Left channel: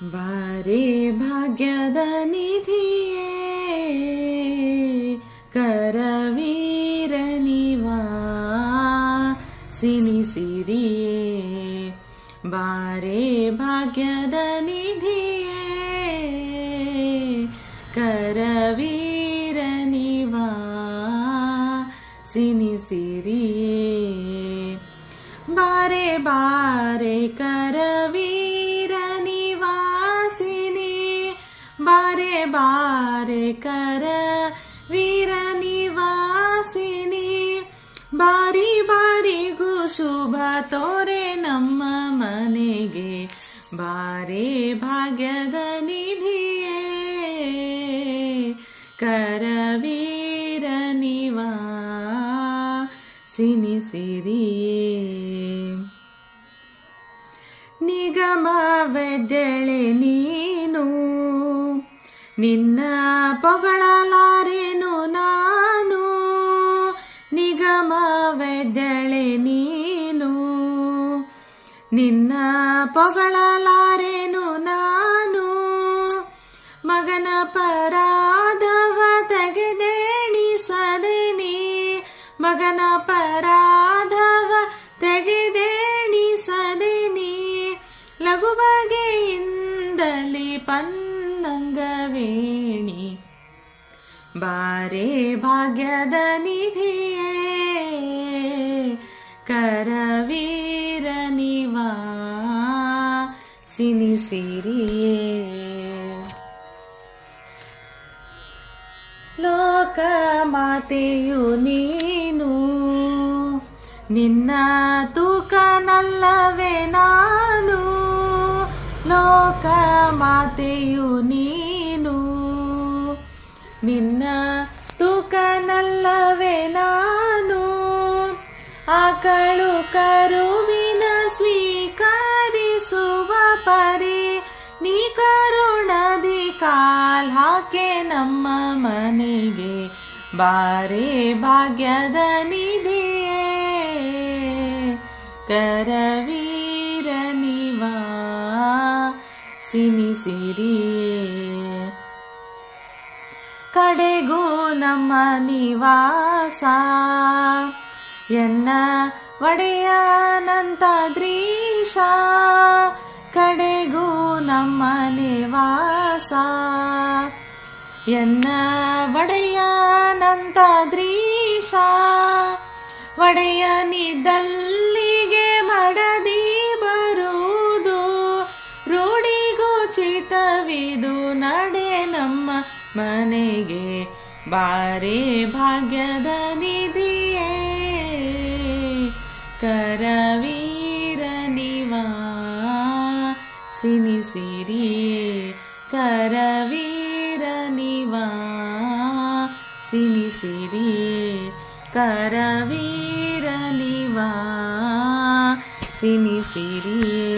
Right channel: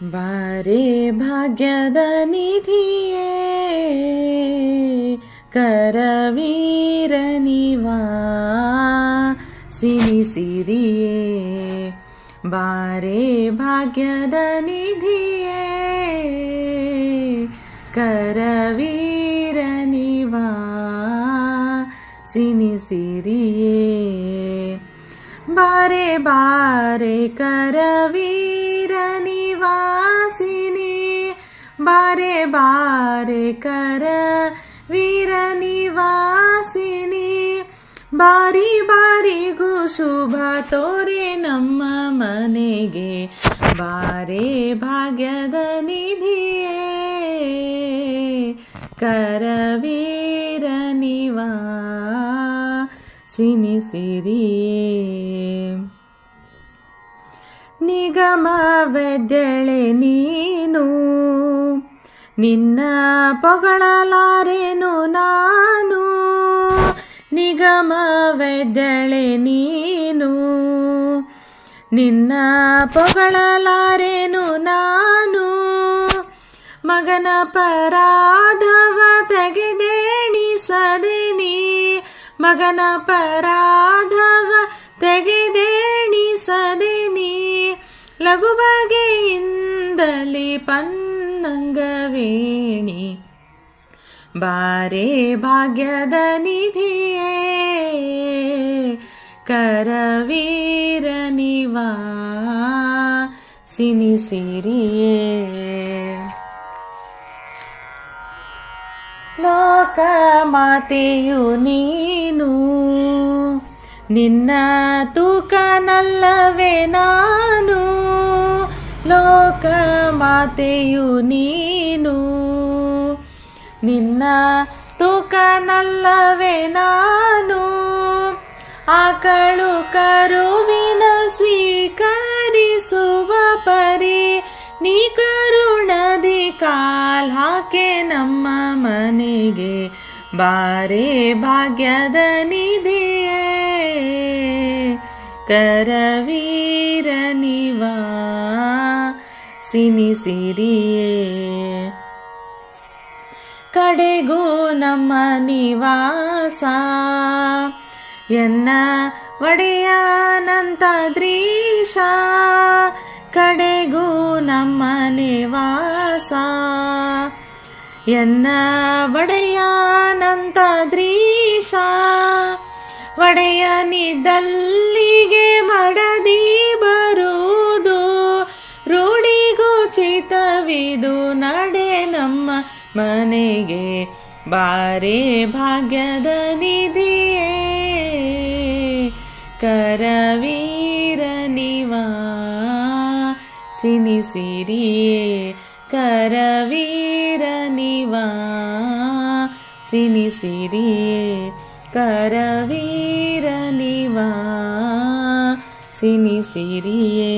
ಬಾರೆ ಭಾಗ್ಯದ ನಿಧಿಯೇ ಕರವೀರ ನಿವಾ ಸಿರಿಯೇ ಬಾರೆ ಭಾಗ್ಯದ ನಿಧಿಯೇ ಕರವೀರ ನಿವಾ ಸಿರಿಯೇ ಬಾರೆ ಬಾರೆ ಕರವೀರ ನಿವಾಸಿನಿ ಬಾರೆ ಬಾರೆ ಕರವೀರ ನಿವಾಸಿನಿ ಬಾರಿ ಬಾರಿಗೂ ಶುಭ ತೋರೆ ನಮ್ಮ ಮನೆಗೆ ಬಾರೆ ಭಾಗ್ಯದ ನಿಧಿಯೇ ಕರವೀರ ನಿವಾ ಸಿರಿಯೇ ನಿಗಮವೆದ್ದೆಳೆ ನೀನು ನಿನ್ನ ಪೊಗಳಲಾರೆನು ನಾನು ನಿಗಮವೆದ್ದೆಳೆ ನೀನು ನಿನ್ನ ಪೊಗಳಲಾರೆನು ನಾನು ಮಗನ ಪರಾಧವ ತೆಗೆದೇಣಿಸದೆ ನೀ ಮಗನ ಪರಾಧವ ತೆಗೆದೇಣಿಸದೆ ನೀ ಲಘು ಬಗೆಯಿಂದಲೇ ಪನ್ನಂಗವೇಣಿ ಬಾರೆ ಭಾಗ್ಯದ ನಿಧಿಯೇ ಕರವೀರ ನಿವಾ ಸಿರಿಯೇ ಲೋಕ ಮಾತೆಯು ನೀನು ನಿನ್ನ ತೂಕನಲ್ಲವೇ ನಾನು ಲೋಕ ಮಾತೆಯು ನೀನು ನಿನ್ನ ತೂಕನಲ್ಲವೇ ನಾನು ಆಕಳು ಕರುವಿನ ಸ್ವೀಕರಿಸುವ ಪರಿ ನೀ ಕರುಣದಿ ಕಾಲ್ ಹಾಕೆ ನಮ್ಮ ಮನೆಗೆ ಬಾರೆ ಭಾಗ್ಯದ ನಿಧಿಯೇ ಕರವೀರ ನಿವಾ ಸಿರಿಯೇ ಕಡೆಗೂ ನಮ್ಮ ನಿವಾಸ ಎನ್ನ ಒಡೆಯನಂತದ್ರೀಶ ಕಡೆಗೂ ನಮ್ಮ ನಿವಾಸ ಎನ್ನ ಒಡೆಯನಂತದ್ರೀಶ ಒಡೆಯನಿದ್ದಲ್ಲಿಗೆ ಮಡದಿ ಬರುವುದು ರೂಢಿಗೋಚಿತವಿದು ನಡೆ ನಮ್ಮ ಮನೆಗೆ ಬಾರೆ ಭಾಗ್ಯದ ನಿಧಿಯೇ ಕರವೀರ ನಿವಾ ಸಿರಿಯೇ ಕರವೀರ ನಿವಾ ಸಿರಿಯೇ ಕರವೀರ ನಿವಾ ಸಿರಿಯೇ